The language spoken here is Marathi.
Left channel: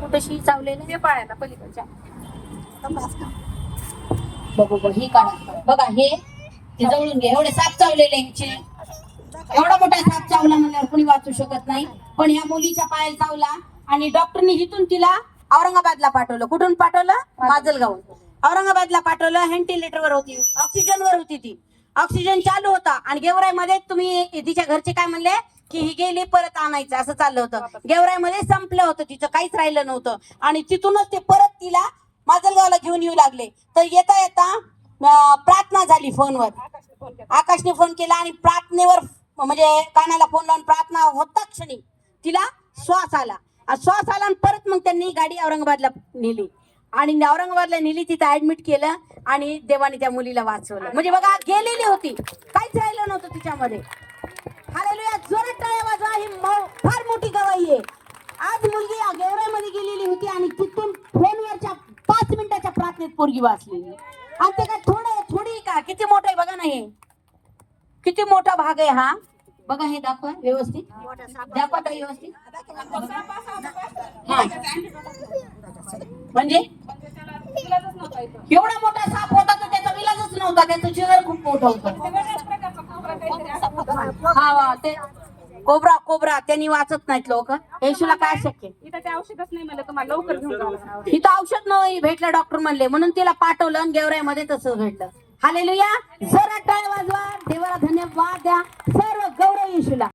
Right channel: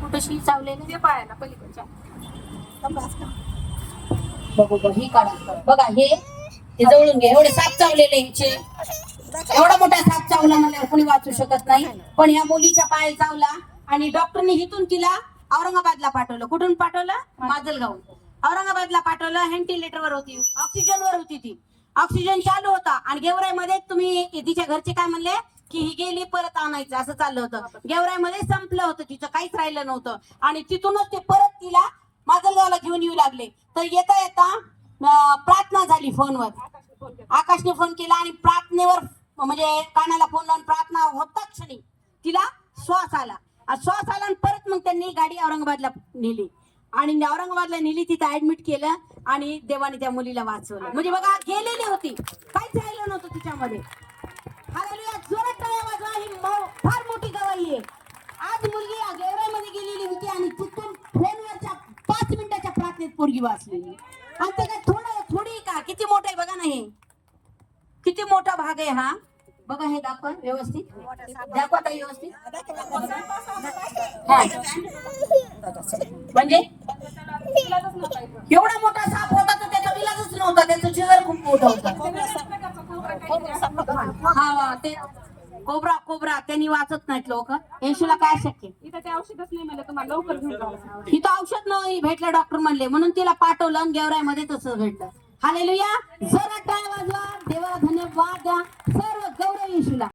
कुठशी चावलेलं ते पायाला पलीकडच्या. बघू बघ ही काढा. बघा हे हे जवळून घे. एवढे साप चावलेले यांचे एवढा मोठा साप चावला म्हणल्यावर कोणी वाचू शकत नाही. पण ह्या मुलीच्या पायाला चावला आणि डॉक्टरनी हिथून तिला औरंगाबादला पाठवलं. कुठून पाठवलं? माजलगाव औरंगाबादला पाठवलं. व्हेंटिलेटरवर होती. ऑक्सिजनवर होती ती. ऑक्सिजन चालू होता. आणि गेवराईमध्ये तुम्ही तिच्या घरचे काय म्हणले? की ही गेली परत आणायचं असं चाललं होतं. गेवराईमध्ये संपलं होतं तिचं काहीच राहिलं नव्हतं. आणि तिथूनच ते परत तिला माजलगावला घेऊन येऊ लागले. तर येता येता प्रार्थना झाली फोनवर. आकाशने फोन केला आणि प्रार्थनेवर म्हणजे कानाला फोन लावून प्रार्थना होता क्षणी तिला श्वास आला. श्वास आला आणि परत मग त्यांनी गाडी औरंगाबादला नेली. आणि औरंगाबादला नेली तिथं ऍडमिट केलं आणि देवाने त्या मुलीला वाचवलं. म्हणजे बघा गेलेली होती. काहीच राहिलं नव्हतं तिच्यामध्ये हालेलुया जोरात टाळ्या वाजवा ही मौ- फार मोठी गवाही आहे आज मुलगी या गेवराईमध्ये गेलेली होती आणि तिथून फोनवरच्या पाच मिनिटाच्या प्रार्थनेत पोरगी वाचलेली. आणि ते काय थोडं थोडी का? किती मोठं आहे बघा ना हे. किती मोठा भाग आहे हा? बघा हे दाखवा व्यवस्थित. दाखवा ताई व्यवस्थित. हा. म्हणजे? एवढा मोठा साप होता तर त्याचा विलाजच नव्हता. त्याचं शहर खूप मोठं होतं. हा ते कोबरा कोबरा त्यांनी वाचत नाहीत लोक. येशूला काय शक्य? इथं ते औषधच नाही मला तुम्हाला लवकर घेऊन जावं लागणार. इथं औषध नाही भेटलं डॉक्टर म्हणले. म्हणून तिला पाठवलं आणि गेवराईमध्ये तसं घडलं हालेलुया. जोरात टाळ्या वाजवा.